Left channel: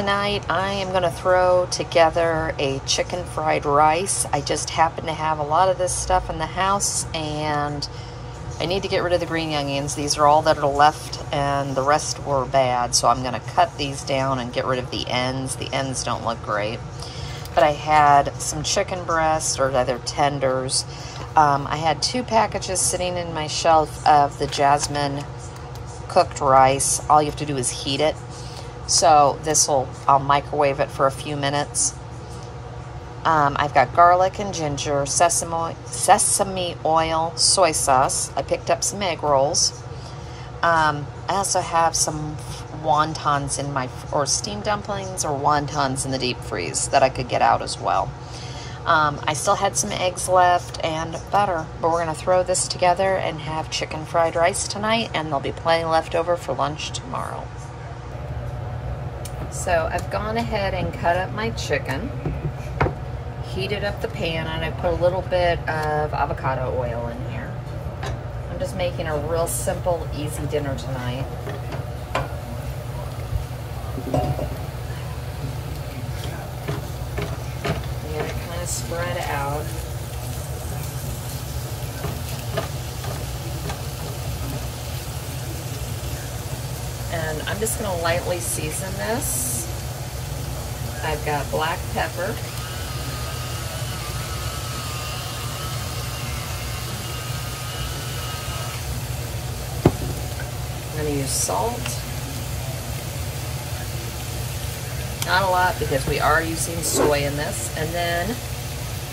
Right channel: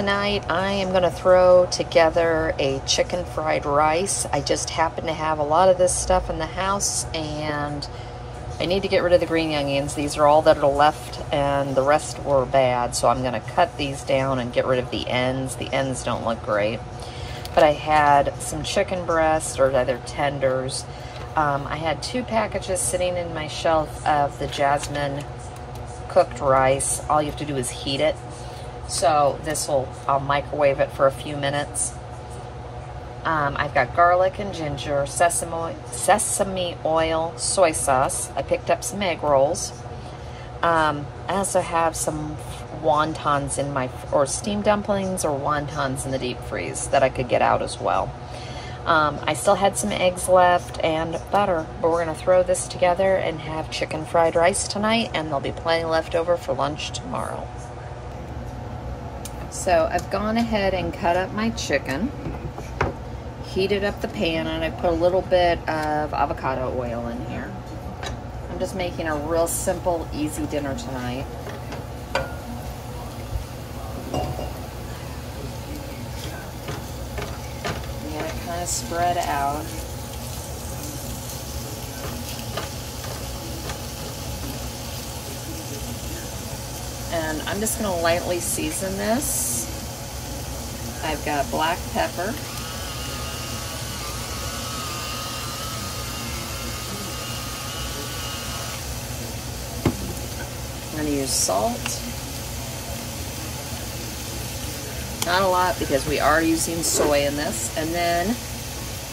Tonight I am going to throw together a chicken fried rice. I just happen to have a lot of this stuff in the house, and I need to get rid of the green onions. These are all that are left, and the rest were bad, so I'm going to cut these down and get rid of the ends. The ends don't look great. But I had some chicken breasts, or rather tenders. I had 2 packages sitting in my shelf of the jasmine cooked rice. All you have to do is heat it. So I'll microwave it for a few minutes. I've got garlic and ginger, sesame oil, soy sauce. I picked up some egg rolls. I also have some wontons or steamed dumplings or wontons in the deep freeze that I could get out as well. I still had some eggs left and butter, but we're going to throw this together and have chicken fried rice tonight, and there'll be plenty left over for lunch tomorrow. So I've gone ahead and cut up my chicken, heated up the pan, and I put a little bit of avocado oil in here. I'm just making a real simple, easy dinner tonight. And then it kind of spread out. And I'm just going to lightly season this. I've got black pepper. I'm going to use salt. Not a lot because we are using soy in this. And then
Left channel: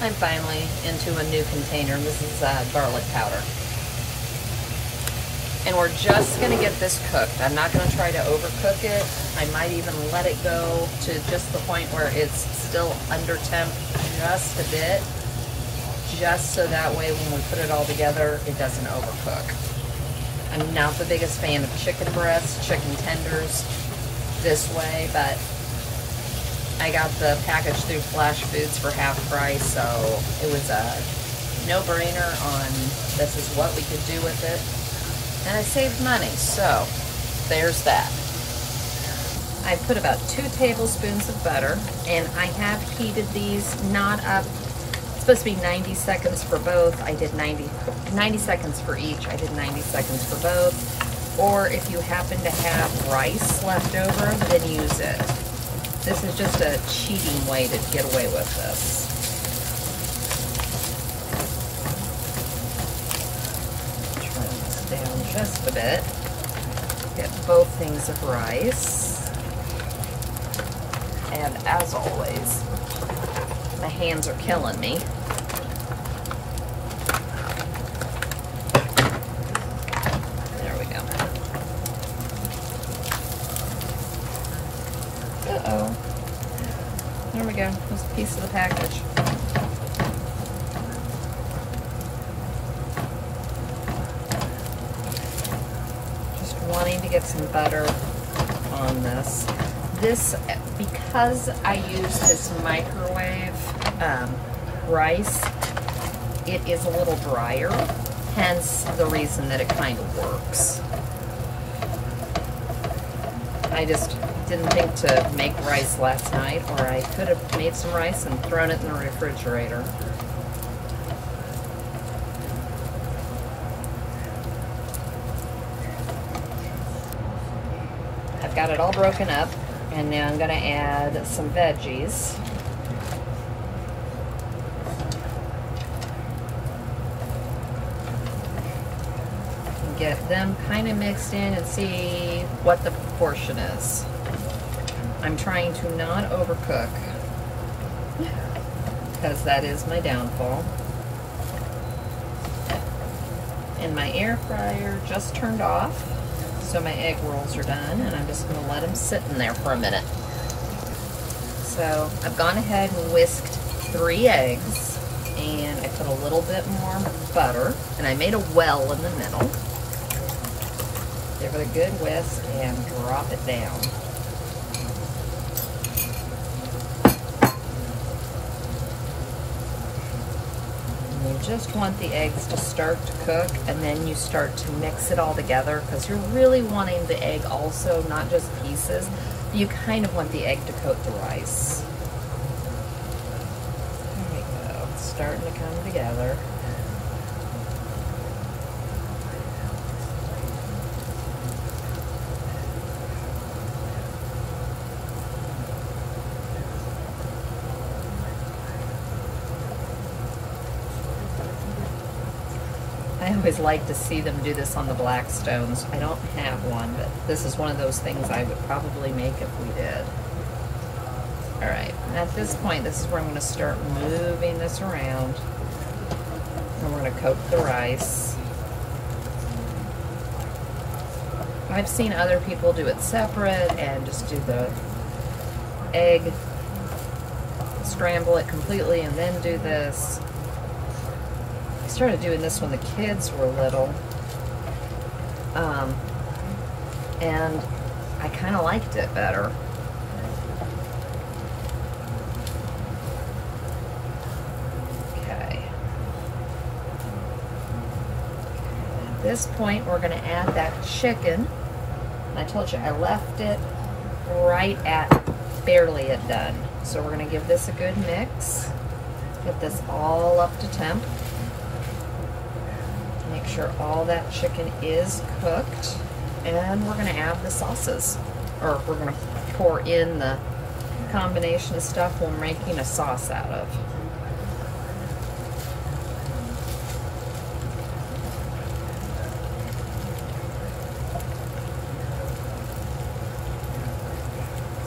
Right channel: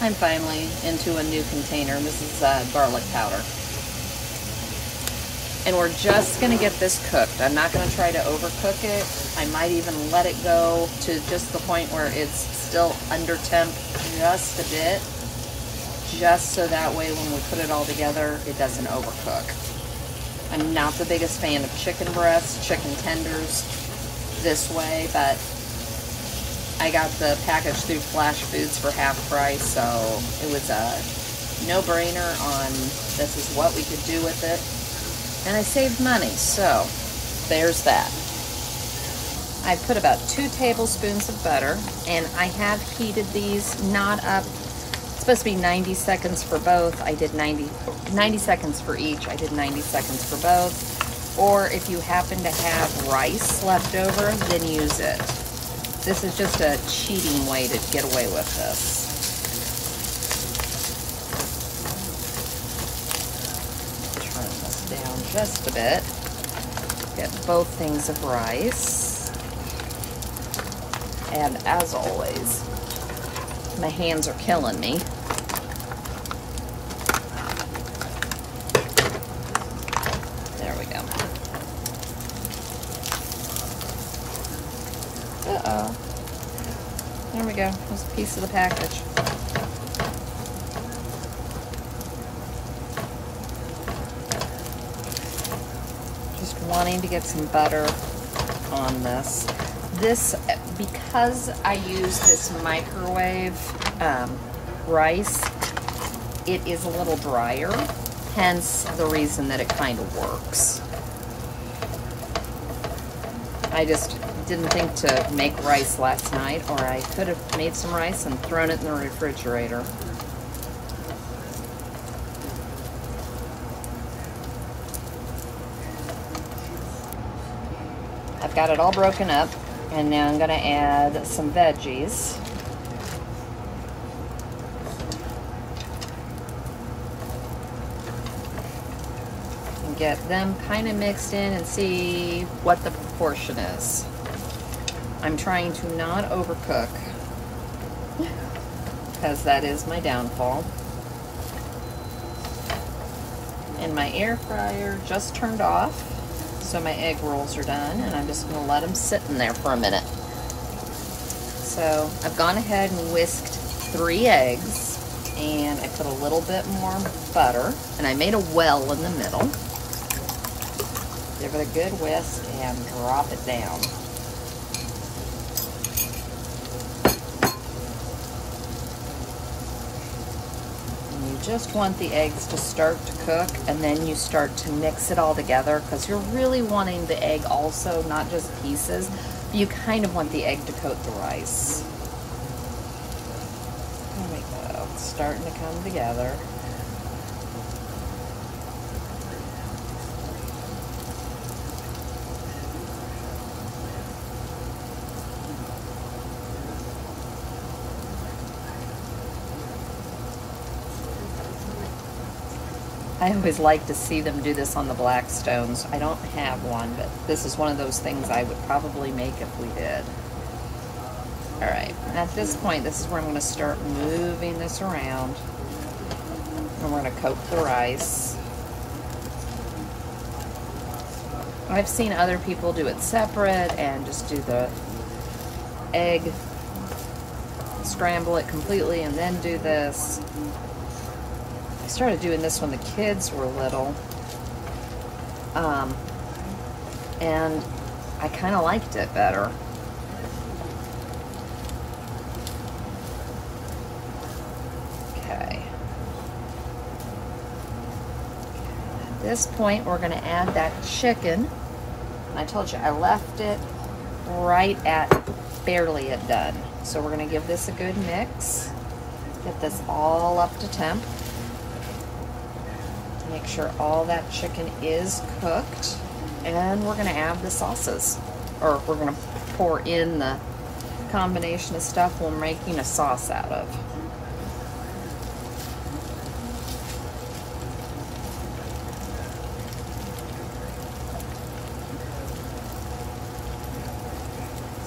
I'm finally into a new container. This is garlic powder. And we're just going to get this cooked. I'm not going to try to overcook it. I might even let it go to just the point where it's still under temp just a bit, just so that way when we put it all together, it doesn't overcook. I'm not the biggest fan of chicken breasts, chicken tenders this way, but I got the package through Flash Foods for half price, so it was a no-brainer on this is what we could do with it. And I saved money, so there's that. I put about 2 tablespoons of butter, and I have heated these not up. It's supposed to be 90 seconds for both. I did 90 seconds for each. I did 90 seconds for both. Or if you happen to have rice left over, then use it. This is just a cheating way to get away with this. Down just a bit. Get both things of rice. And as always, my hands are killing me. There we go. Uh-oh. There we go. There's a piece of the package. Wanting to get some butter on this. Because I use this microwave rice, it is a little drier, hence the reason that it kind of works. I just didn't think to make rice last night, or I could have made some rice and thrown it in the refrigerator. Got it all broken up, and now I'm going to add some veggies. And get them kind of mixed in and see what the proportion is. I'm trying to not overcook, because that is my downfall. And my air fryer just turned off. So my egg rolls are done, and I'm just going to let them sit in there for a minute. So I've gone ahead and whisked 3 eggs, and I put a little bit more butter, and I made a well in the middle. Give it a good whisk and drop it down. Just want the eggs to start to cook, and then you start to mix it all together, because you're really wanting the egg also, not just pieces. you kind of want the egg to coat the rice. There we go. It's starting to come together. I always like to see them do this on the Blackstones. I don't have one, but this is one of those things I would probably make if we did. All right, at this point, this is where I'm going to start moving this around. And we're going to coat the rice. I've seen other people do it separate and just do the egg, scramble it completely, and then do this. I started doing this when the kids were little, and I kind of liked it better. Okay. At this point, we're going to add that chicken. I told you I left it right at barely at done. So we're going to give this a good mix. Get this all up to temp. Make sure all that chicken is cooked, and we're going to add the sauces, or we're going to pour in the combination of stuff we're making a sauce out of.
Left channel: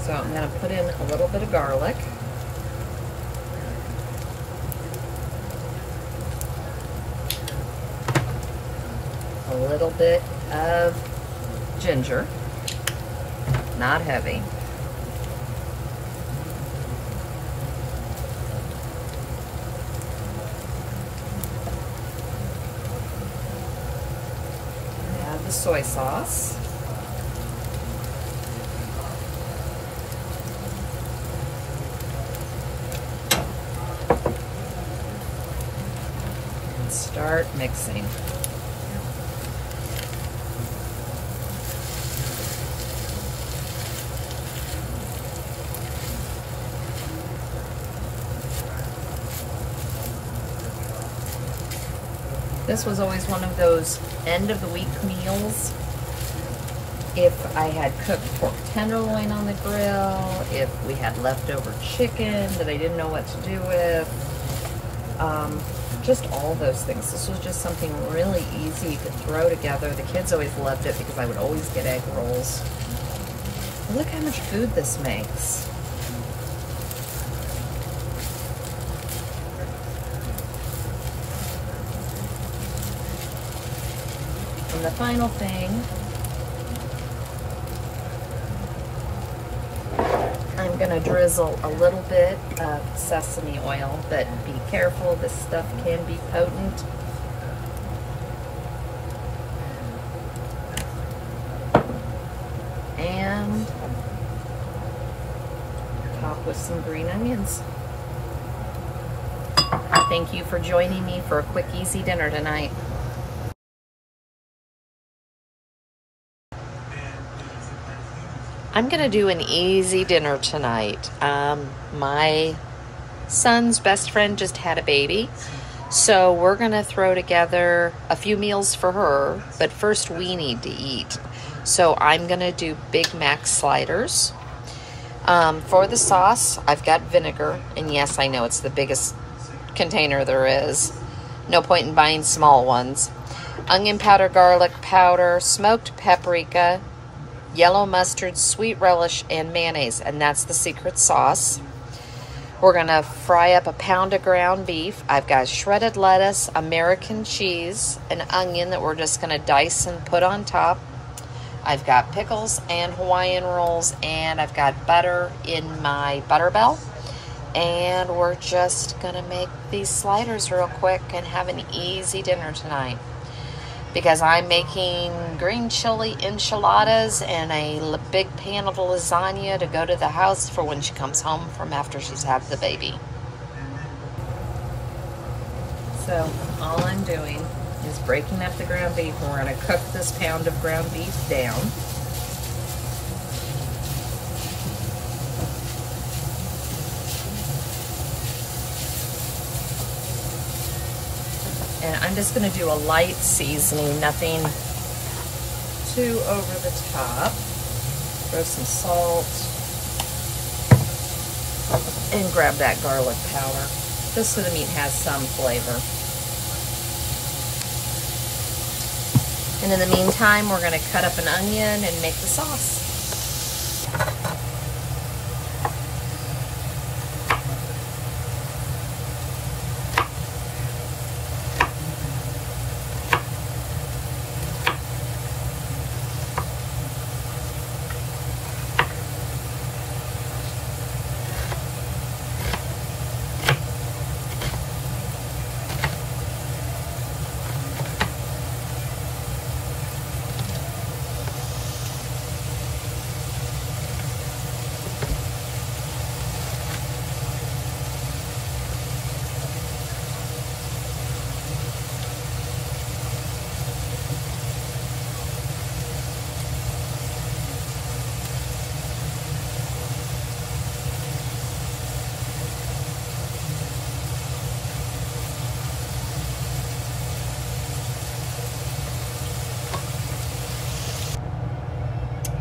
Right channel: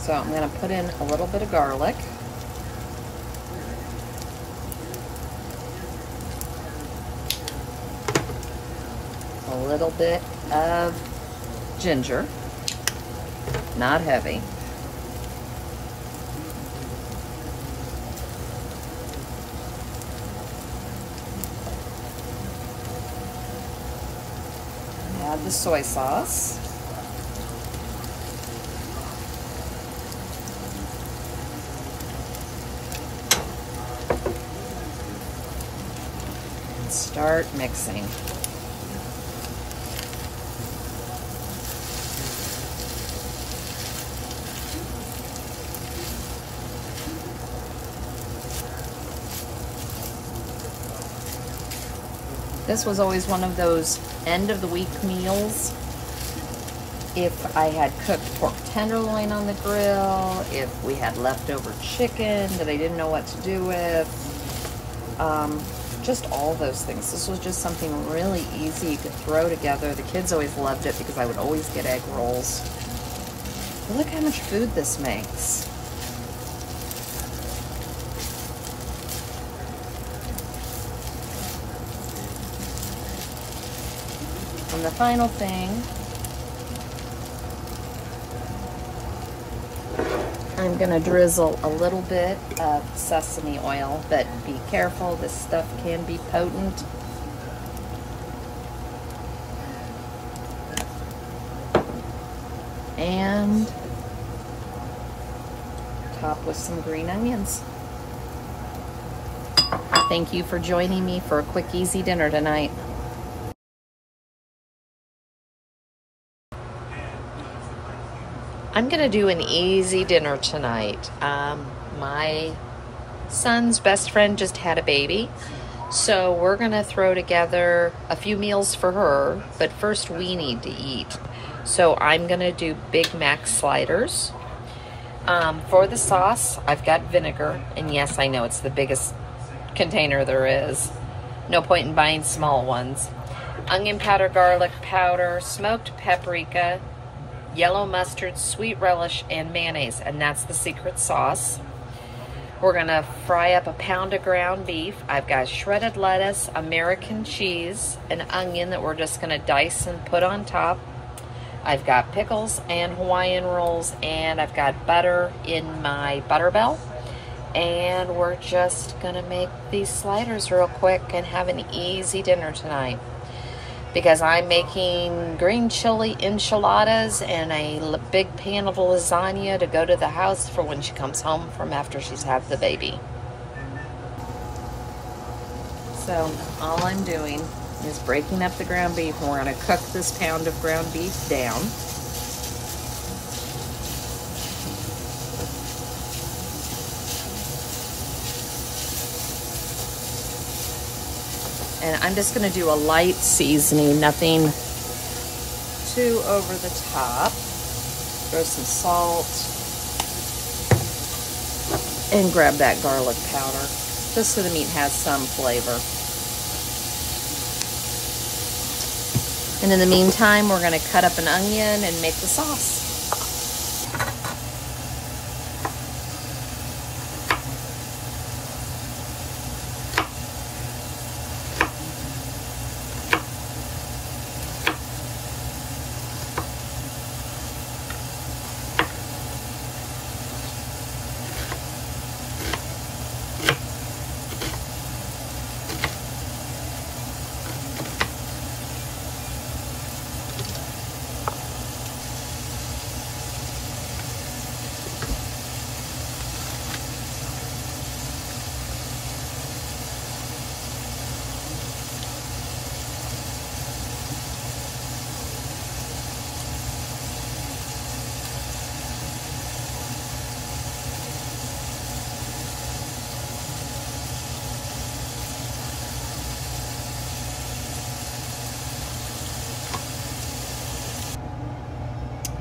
So I'm going to put in a little bit of garlic. A little bit of ginger, not heavy. Add the soy sauce. And start mixing. This was always one of those end of the week meals. If I had cooked pork tenderloin on the grill, if we had leftover chicken that I didn't know what to do with, just all those things. This was just something really easy you could throw together. The kids always loved it because I would always get egg rolls. Look how much food this makes. And the final thing, I'm going to drizzle a little bit of sesame oil, but be careful, this stuff can be potent. And top with some green onions. Thank you for joining me for a quick, easy dinner tonight. I'm going to do an easy dinner tonight. My son's best friend just had a baby, so we're going to throw together a few meals for her, but first we need to eat. So I'm going to do Big Mac sliders. For the sauce, I've got vinegar, and yes, I know it's the biggest container there is. No point in buying small ones. Onion powder, garlic powder, smoked paprika, yellow mustard, sweet relish, and mayonnaise, and that's the secret sauce. We're gonna fry up a pound of ground beef. I've got shredded lettuce, American cheese, an onion that we're just gonna dice and put on top. I've got pickles and Hawaiian rolls, and I've got butter in my butter bell. And we're just gonna make these sliders real quick and have an easy dinner tonight, because I'm making green chili enchiladas and a big pan of lasagna to go to the house for when she comes home from after she's had the baby. So all I'm doing is breaking up the ground beef, and we're going to cook this pound of ground beef down. And I'm just gonna do a light seasoning, nothing too over the top. Throw some salt and grab that garlic powder, just so the meat has some flavor. And in the meantime, we're gonna cut up an onion and make the sauce.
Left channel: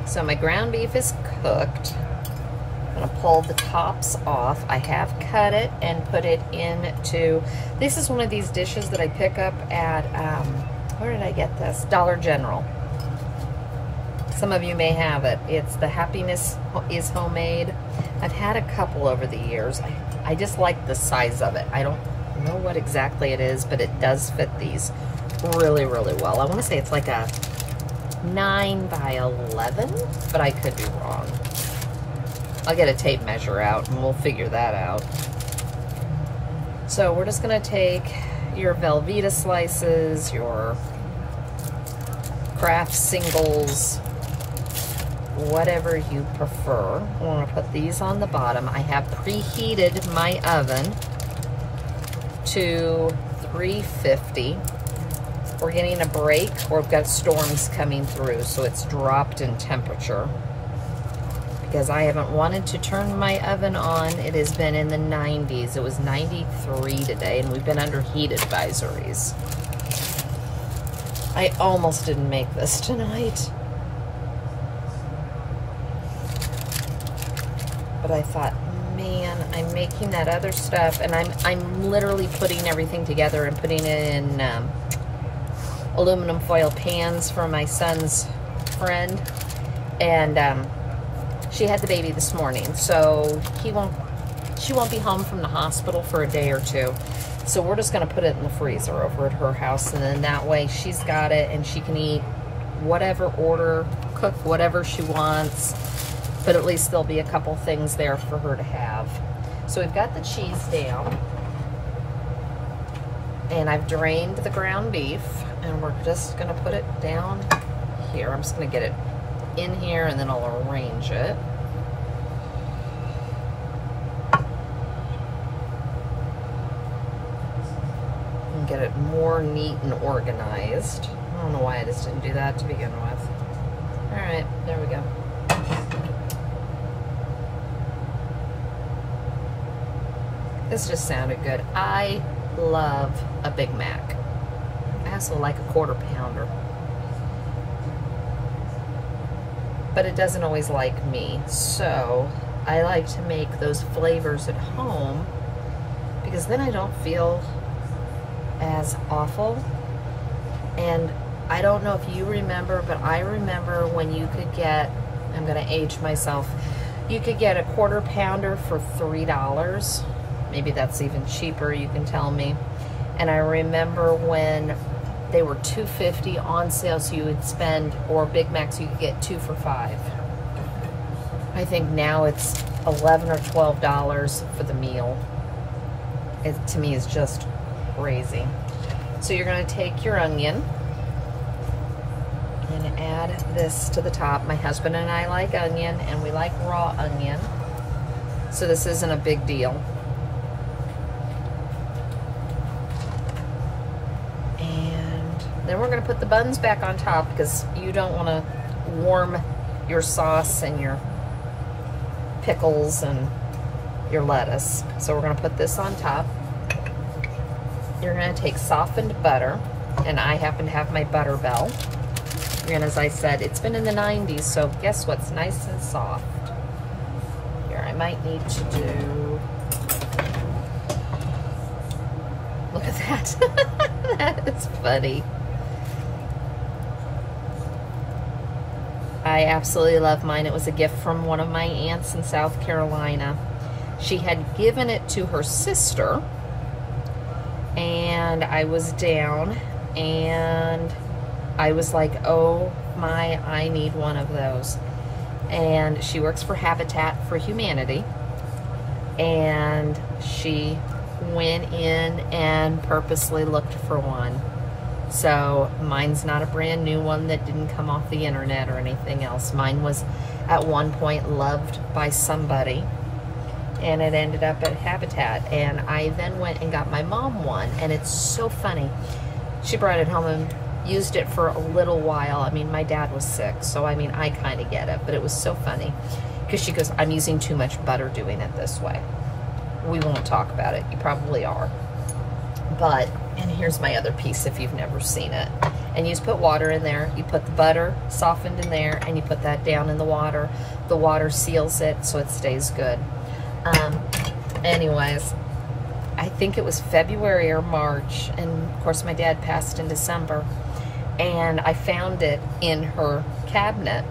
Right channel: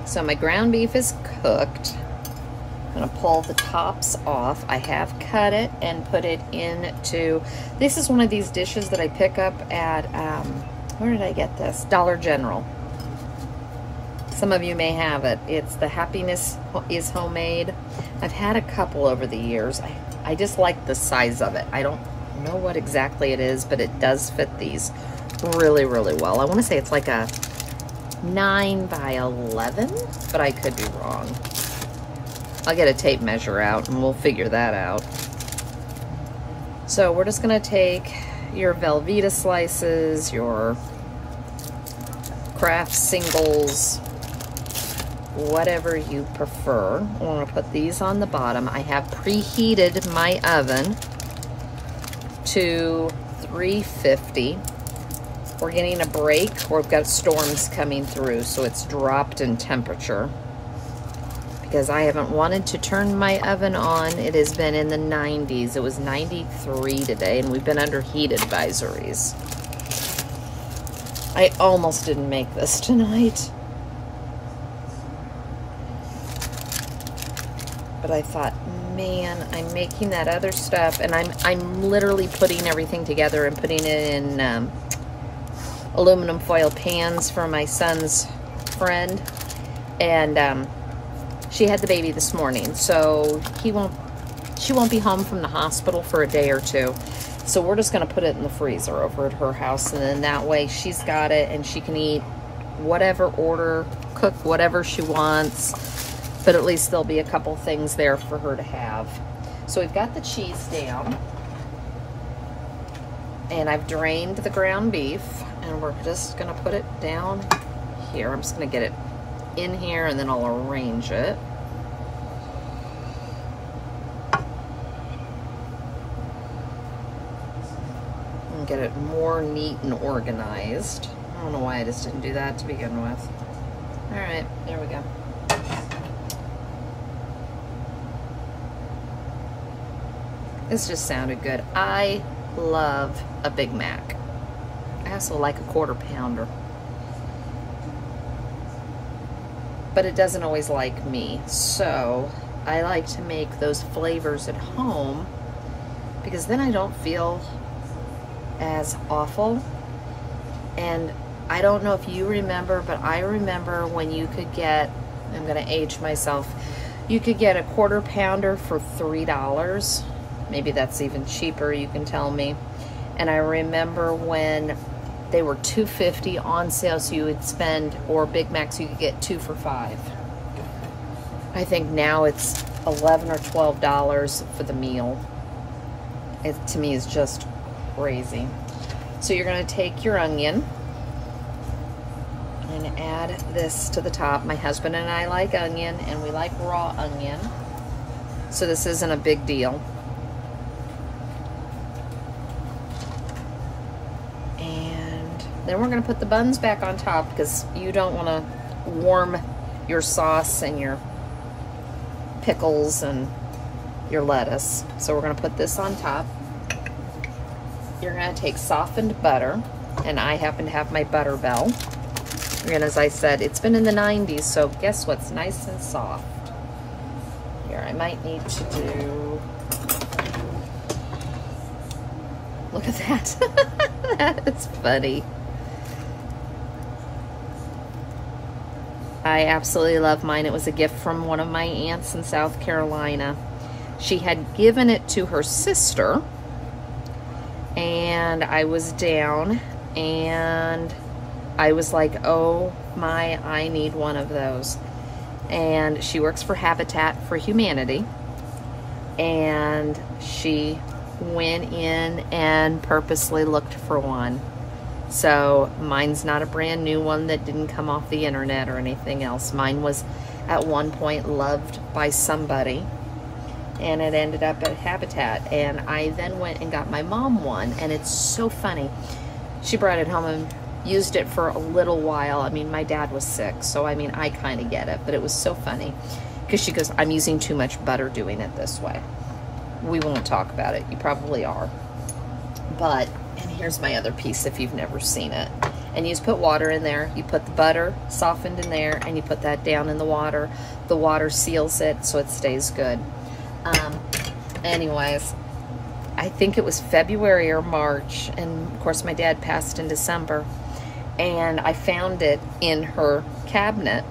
So my ground beef is cooked. I'm gonna pull the tops off. I have cut it and put it into, this is one of these dishes that I pick up at, where did I get this? Dollar General. Some of you may have it. It's the Happiness is Homemade. I've had a couple over the years. I just like the size of it. I don't know what exactly it is, but it does fit these really, really well. I wanna say it's like a 9 by 11, but I could be wrong. I'll get a tape measure out and we'll figure that out. So we're just gonna take your Velveeta slices, your Kraft singles, whatever you prefer. I'm gonna put these on the bottom. I have preheated my oven to 350. We're getting a break. We've got storms coming through, so it's dropped in temperature. Because I haven't wanted to turn my oven on. It has been in the 90s. It was 93 today, and we've been under heat advisories. I almost didn't make this tonight. But I thought, man, I'm making that other stuff, and I'm literally putting everything together and putting it in aluminum foil pans for my son's friend, and she had the baby this morning, so she won't be home from the hospital for a day or two. So we're just gonna put it in the freezer over at her house, and then that way she's got it and she can eat whatever order, cook whatever she wants, but at least there'll be a couple things there for her to have. So we've got the cheese down, and I've drained the ground beef, and we're just gonna put it down here. I'm just gonna get it in here and then I'll arrange it. And get it more neat and organized. I don't know why I just didn't do that to begin with. All right, there we go. This just sounded good. I love a Big Mac. I also like a quarter pounder. But it doesn't always like me. So I like to make those flavors at home because then I don't feel as awful. And I don't know if you remember, but I remember when you could get, I'm gonna age myself, you could get a quarter pounder for $3. Maybe that's even cheaper, you can tell me. And I remember when they were $2.50 on sale, so you would spend, or Big Macs, you could get 2 for $5. I think now it's $11 or $12 for the meal. It, to me, is just crazy. So you're gonna take your onion and add this to the top. My husband and I like onion, and we like raw onion. So this isn't a big deal. We're going to put the buns back on top because you don't want to warm your sauce and your pickles and your lettuce. So we're going to put this on top. you're gonna take softened butter, and I happen to have my Butter Bell. And as I said, it's been in the 90s, so guess what's nice and soft? Here, I might need to do, look at that. That's funny. I absolutely love mine. It was a gift from one of my aunts in South Carolina. She had given it to her sister, and I was down, and I was like, oh my, I need one of those. And she works for Habitat for Humanity, and she went in and purposely looked for one. So mine's not a brand new one that didn't come off the internet or anything else. Mine was at one point loved by somebody, and it ended up at Habitat. And I then went and got my mom one, and it's so funny. She brought it home and used it for a little while. I mean, my dad was sick, so I mean, I kind of get it, but it was so funny because she goes, I'm using too much butter doing it this way. We won't talk about it. You probably are. But, and here's my other piece if you've never seen it. And you just put water in there. You put the butter softened in there, and you put that down in the water. The water seals it so it stays good. Anyways, I think it was February or March, and of course my dad passed in December, and I found it in her cabinet,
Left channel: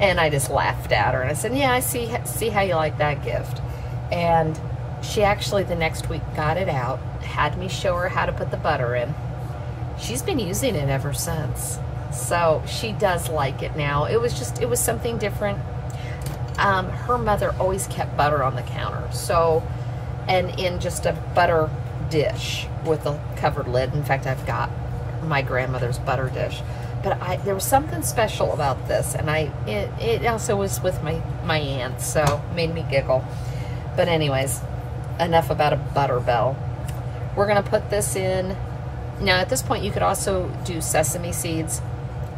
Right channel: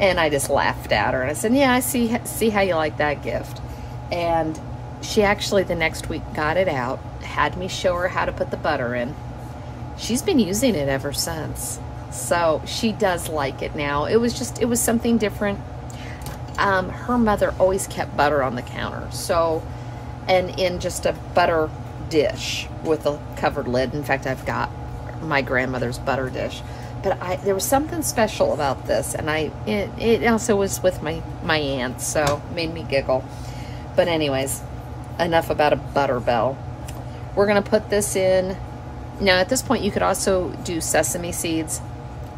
and I just laughed at her, and I said, yeah, I see how you like that gift. And she actually the next week got it out, had me show her how to put the butter in. She's been using it ever since, so she does like it now. It was something different. Her mother always kept butter on the counter, so, and in just a butter dish with a covered lid. In fact, I've got my grandmother's butter dish, but there was something special about this, and it also was with my aunt, so it made me giggle. But anyways, enough about a Butter Bell. We're gonna put this in. Now at this point you could also do sesame seeds.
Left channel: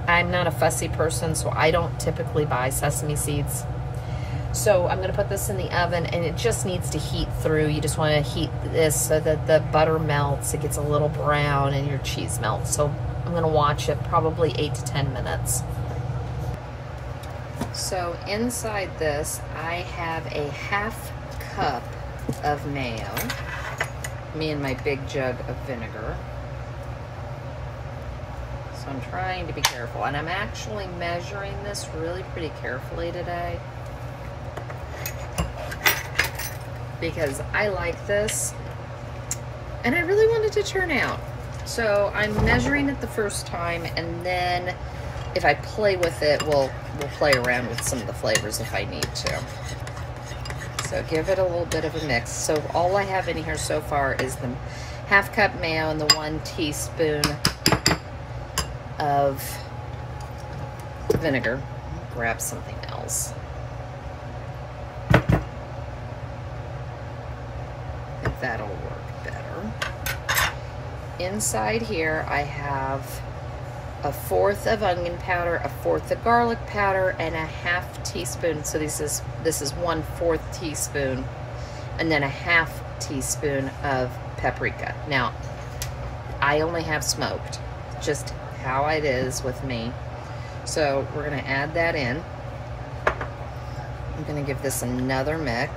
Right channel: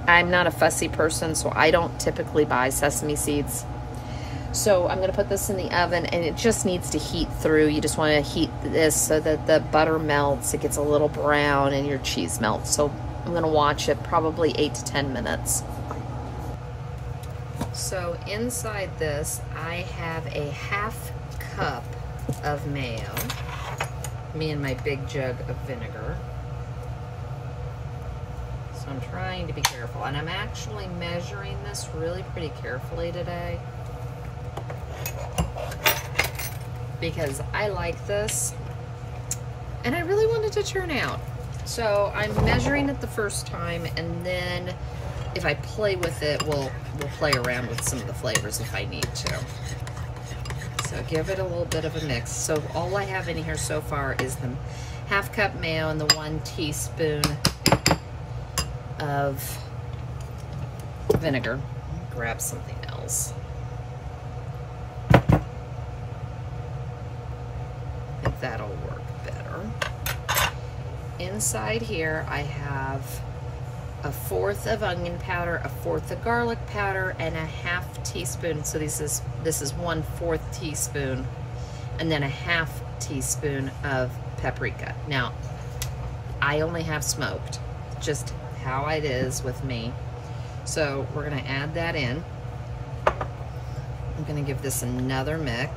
I'm not a fussy person, so I don't typically buy sesame seeds. So I'm gonna put this in the oven, and it just needs to heat through. You just wanna heat this so that the butter melts, it gets a little brown, and your cheese melts. So I'm gonna watch it probably 8 to 10 minutes. So inside this, I have a ½ cup of mayo, me and my big jug of vinegar. So I'm trying to be careful, and I'm actually measuring this really pretty carefully today, because I like this, and I really wanted to turn out. So I'm measuring it the first time, and then if I play with it, we'll play around with some of the flavors if I need to. So give it a little bit of a mix. So all I have in here so far is the ½ cup mayo and the 1 teaspoon of vinegar. I'll grab something else. I think that'll work better. Inside here I have 1/4 of onion powder, 1/4 of garlic powder, and a ½ teaspoon. So this is 1/4 teaspoon, and then a ½ teaspoon of paprika. Now, I only have smoked, just how it is with me. So we're gonna add that in. I'm gonna give this another mix,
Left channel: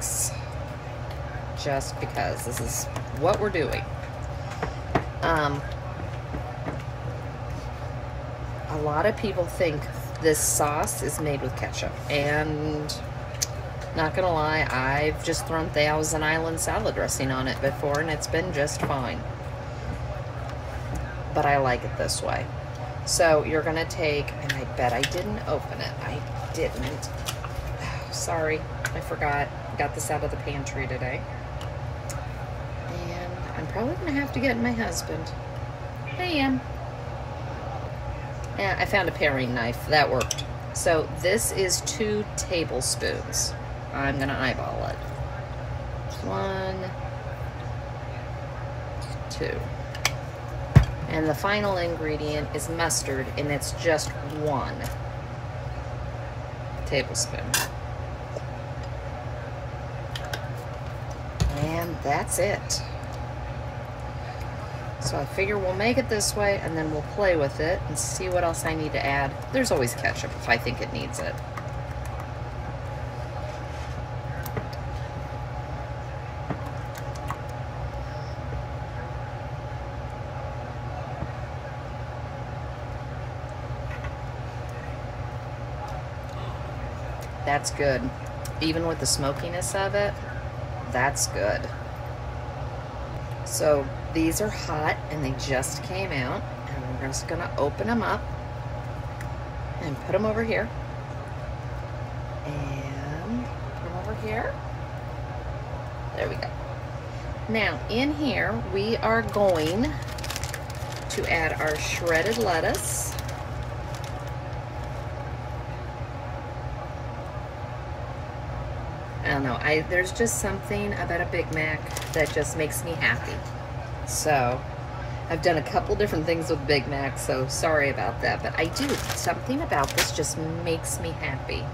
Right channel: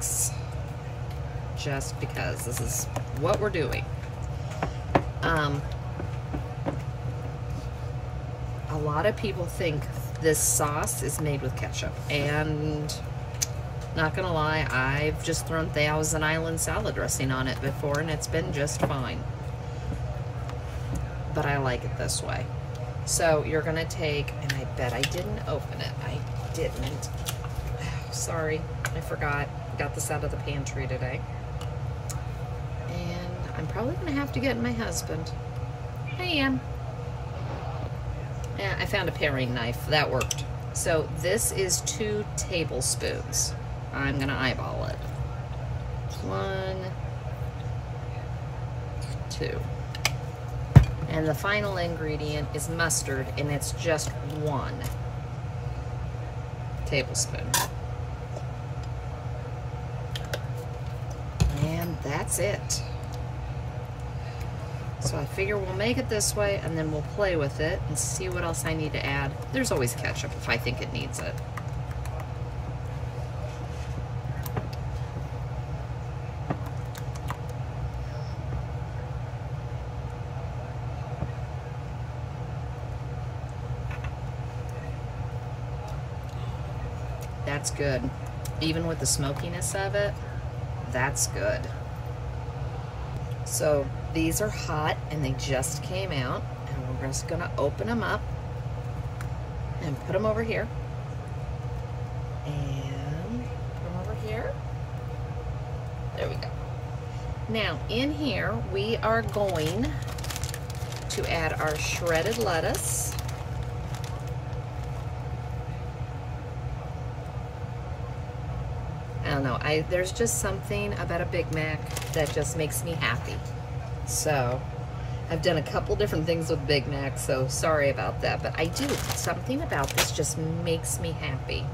just because this is what we're doing. A lot of people think this sauce is made with ketchup, and not gonna lie, I've just thrown Thousand Island salad dressing on it before, and it's been just fine. But I like it this way. So you're gonna take, and I bet I didn't open it. I didn't. Sorry, I forgot. Got this out of the pantry today. And I'm probably gonna have to get my husband. Hey, Ann. And I found a paring knife. That worked. So this is 2 tablespoons. I'm gonna eyeball it. 1, 2. And the final ingredient is mustard, and it's just 1 tablespoon. And that's it. So I figure we'll make it this way, and then we'll play with it and see what else I need to add. There's always ketchup if I think it needs it. That's good. Even with the smokiness of it, that's good. So these are hot and they just came out, and we're just gonna open them up and put them over here. And put them over here. There we go. Now in here, we are going to add our shredded lettuce. I don't know, there's just something about a Big Mac that just makes me happy. So, I've done a couple different things with Big Mac, so sorry about that. But I do, something about this just makes me happy.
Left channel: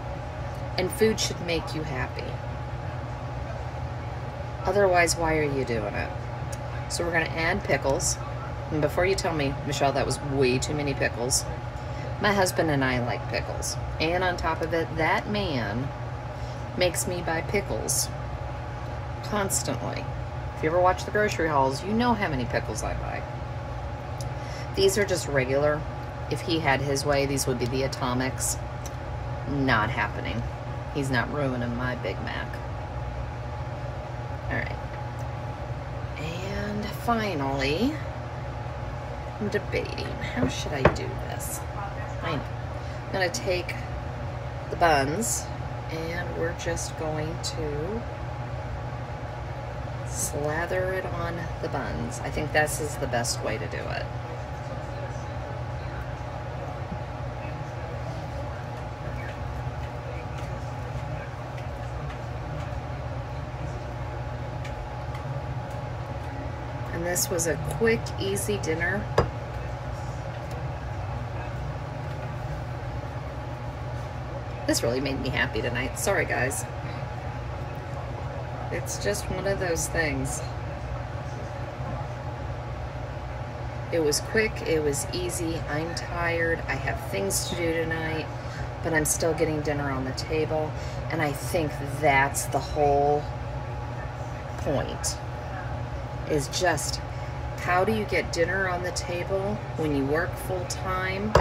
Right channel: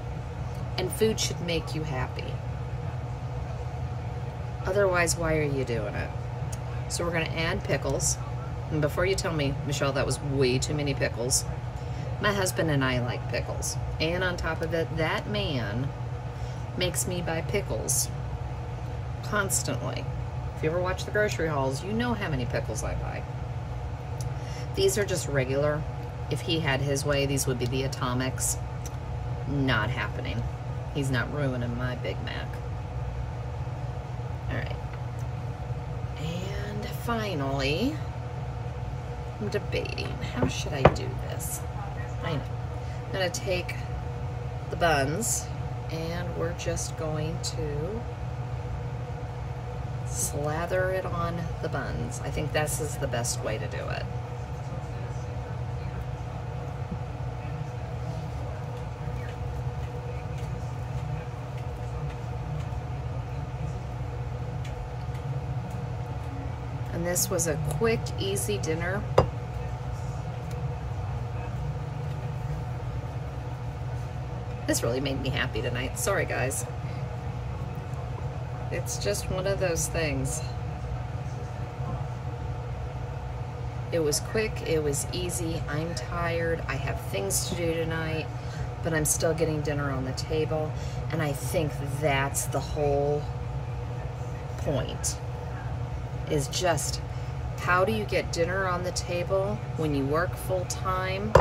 And food should make you happy. Otherwise, why are you doing it? So we're gonna add pickles. And before you tell me, Michelle, that was way too many pickles. My husband and I like pickles. And on top of it, that man makes me buy pickles constantly. If you ever watch the grocery hauls, you know how many pickles I buy. These are just regular. If he had his way, these would be the atomics. Not happening. He's not ruining my Big Mac. All right. And finally, I'm debating, how should I do this? I know. I'm gonna take the buns, and we're just going to slather it on the buns. I think this is the best way to do it. And this was a quick, easy dinner. This really made me happy tonight. Sorry, guys. It's just one of those things. It was quick, it was easy. I'm tired, I have things to do tonight, but I'm still getting dinner on the table. And I think that's the whole point, is just how do you get dinner on the table when you work full time?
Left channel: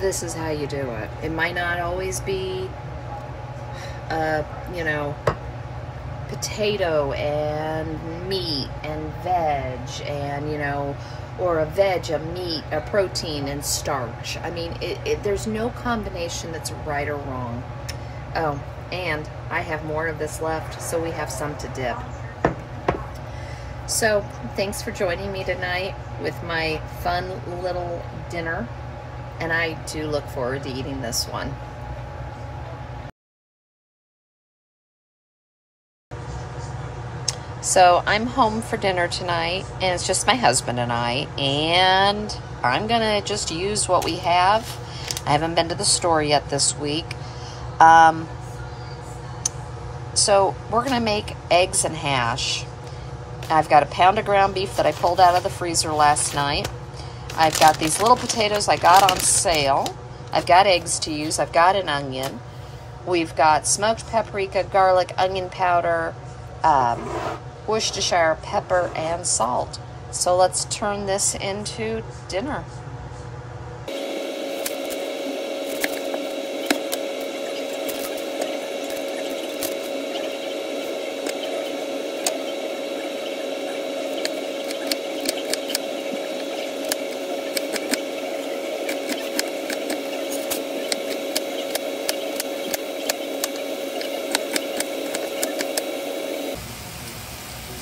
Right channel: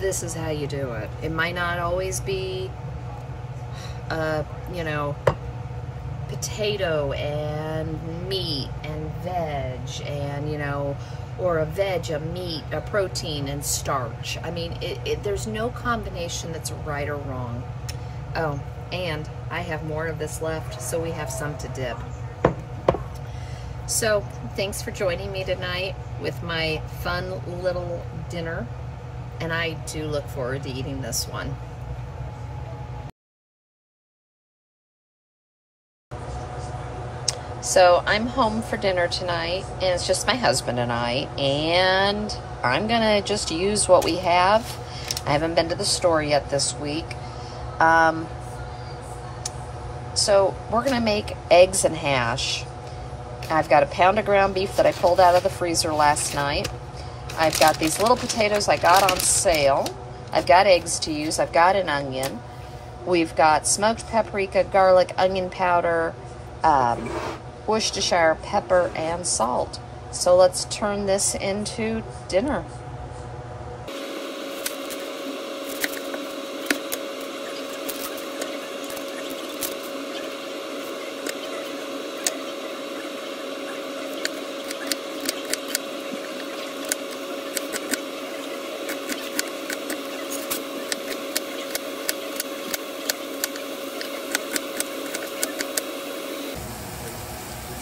This is how you do it. It might not always be, you know, potato and meat and veg and, you know, or a veg, a meat, a protein and starch. I mean, there's no combination that's right or wrong. Oh, and I have more of this left, so we have some to dip. So, thanks for joining me tonight with my fun little dinner. And I do look forward to eating this one. So I'm home for dinner tonight, and it's just my husband and I, and I'm gonna just use what we have. I haven't been to the store yet this week. So we're gonna make eggs and hash. I've got a pound of ground beef that I pulled out of the freezer last night. I've got these little potatoes I got on sale. I've got eggs to use. I've got an onion. We've got smoked paprika, garlic, onion powder, Worcestershire pepper, and salt. So let's turn this into dinner.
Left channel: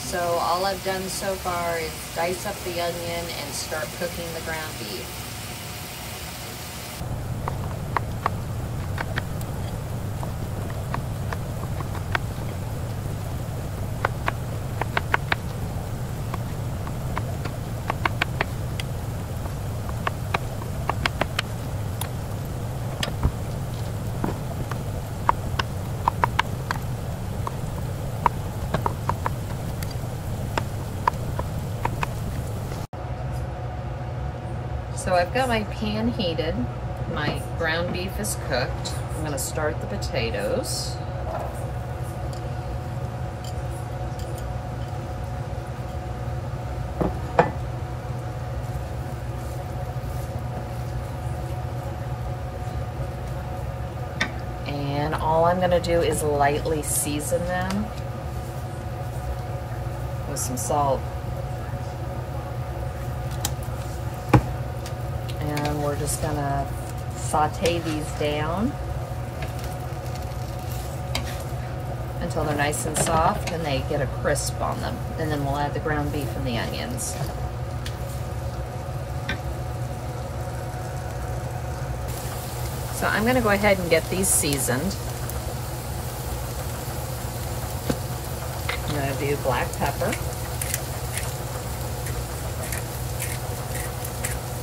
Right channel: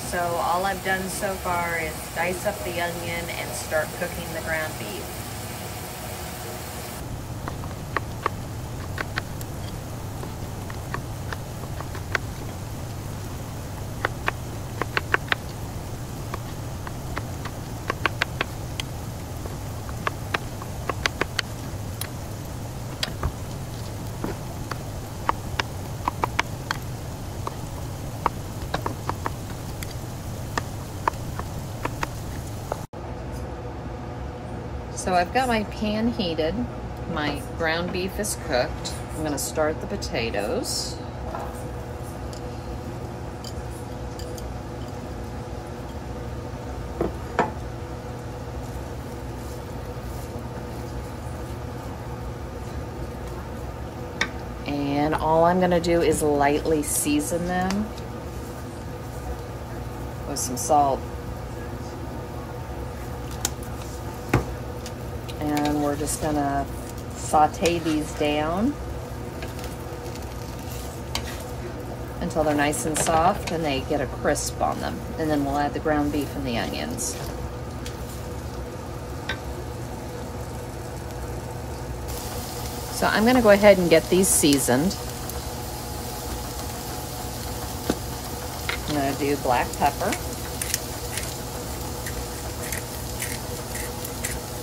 So all I've done so far is dice up the onion and start cooking the ground beef. So I've got my pan heated. My ground beef is cooked. I'm gonna start the potatoes. And all I'm gonna do is lightly season them with some salt. And we're just gonna saute these down until they're nice and soft and they get a crisp on them. And then we'll add the ground beef and the onions. So I'm gonna go ahead and get these seasoned. I'm gonna do black pepper.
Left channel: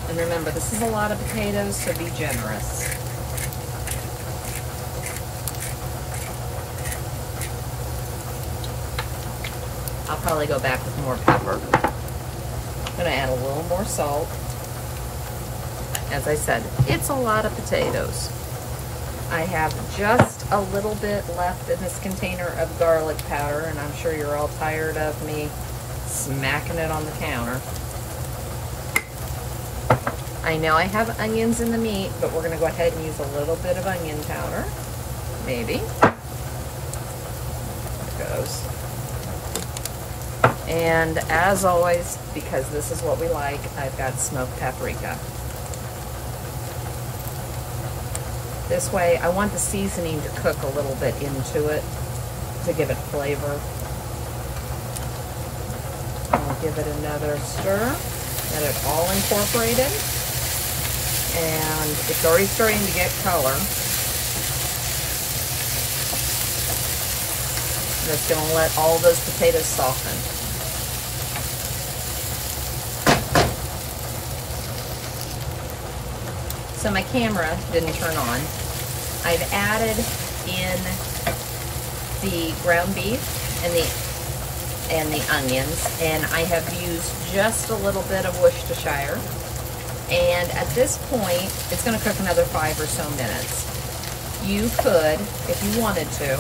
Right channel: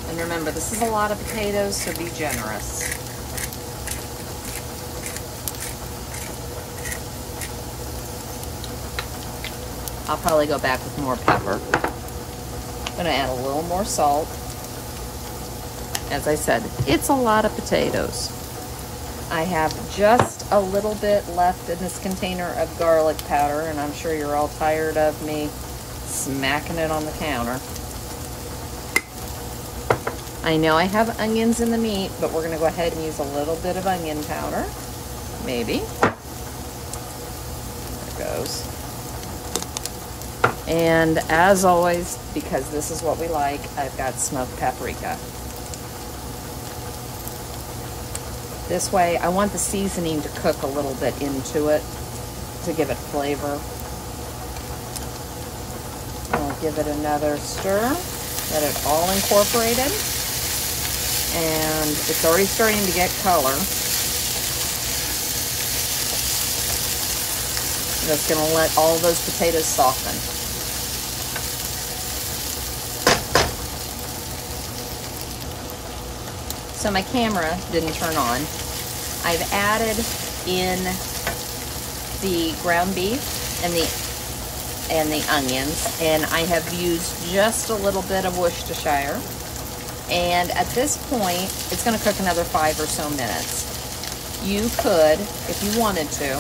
And remember, this is a lot of potatoes, so be generous. I'll probably go back with more pepper. I'm gonna add a little more salt. As I said, it's a lot of potatoes. I have just a little bit left in this container of garlic powder, and I'm sure you're all tired of me smacking it on the counter. I know I have onions in the meat, but we're gonna go ahead and use a little bit of onion powder, maybe. There it goes. And as always, because this is what we like, I've got smoked paprika. This way, I want the seasoning to cook a little bit into it to give it flavor. I'll give it another stir, get it all incorporated. And it's already starting to get color. That's going to let all those potatoes soften. So my camera didn't turn on. I've added in the ground beef and the onions, and I have used just a little bit of Worcestershire. And at this point, it's going to cook another 5 or so minutes. You could, if you wanted to,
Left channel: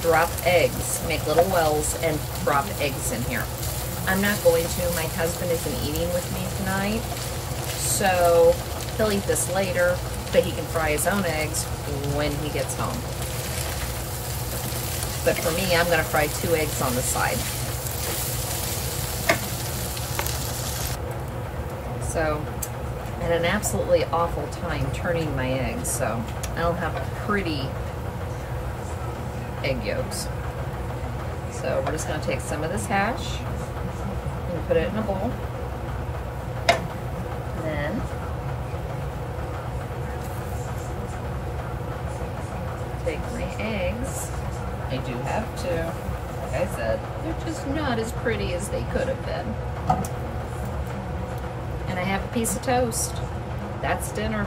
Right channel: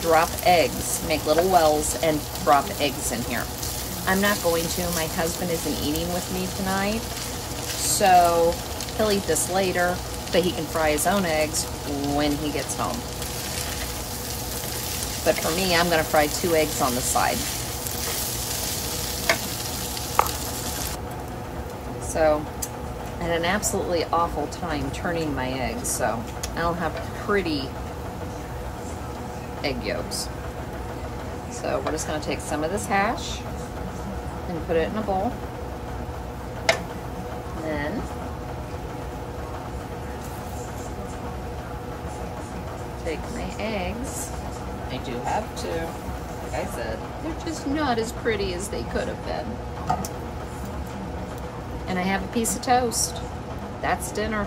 drop eggs, make little wells, and drop eggs in here. I'm not going to. My husband isn't eating with me tonight, so he'll eat this later, but he can fry his own eggs when he gets home. But for me, I'm going to fry 2 eggs on the side. So I had an absolutely awful time turning my eggs, so I don't have pretty egg yolks. So we're just going to take some of this hash and put it in a bowl. Then take my eggs. I do have 2. Like I said, they're just not as pretty as they could have been. And I have a piece of toast. That's dinner.